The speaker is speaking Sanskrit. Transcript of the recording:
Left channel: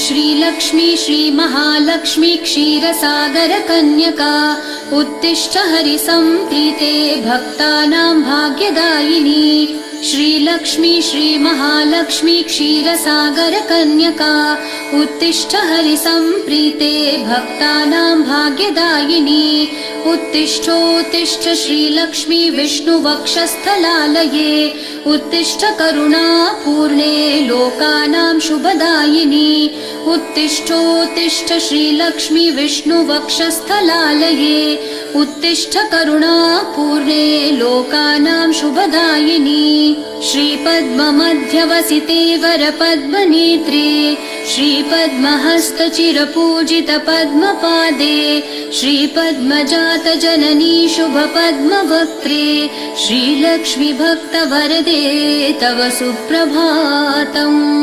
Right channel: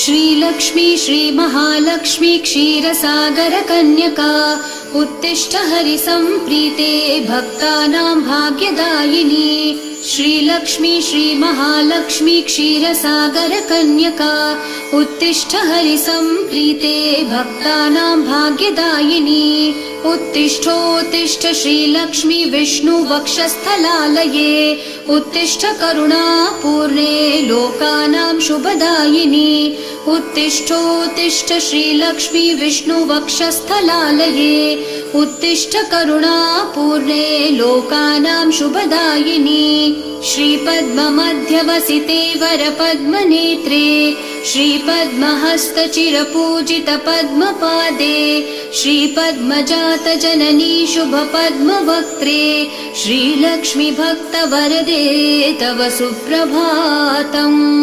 श्रीलक्ष्मी श्रीमहालक्ष्मी क्षीरसागर कन्यका उत्तिष्ठ हरिसम्प्रीते भक्तानां भाग्यदायिनी। श्रीलक्ष्मी श्रीमहालक्ष्मी क्षीरसागर कन्यका उत्तिष्ठ हरिसम्प्रीते भक्तानां भाग्यदायिनी। उत्तिष्ठोत्तिष्ठ श्रीलक्ष्मी विष्णुवक्षस्थलालये उत्तिष्ठ करुणापूर्णे लोकानां शुभदायिनी। उत्तिष्ठोत्तिष्ठ श्रीलक्ष्मी विष्णुवक्षस्थलालये उत्तिष्ठ करुणापूर्णे लोकानां शुभदायिनी। श्रीपद्ममध्यवसिते वरपद्मनेत्रे श्रीपद्महस्तचिरपूजित पद्मपादे श्रीपद्मजात जननी शुभपद्मवक्त्रे श्रीलक्ष्मी भक्तवरदे तव सुप्रभातम्।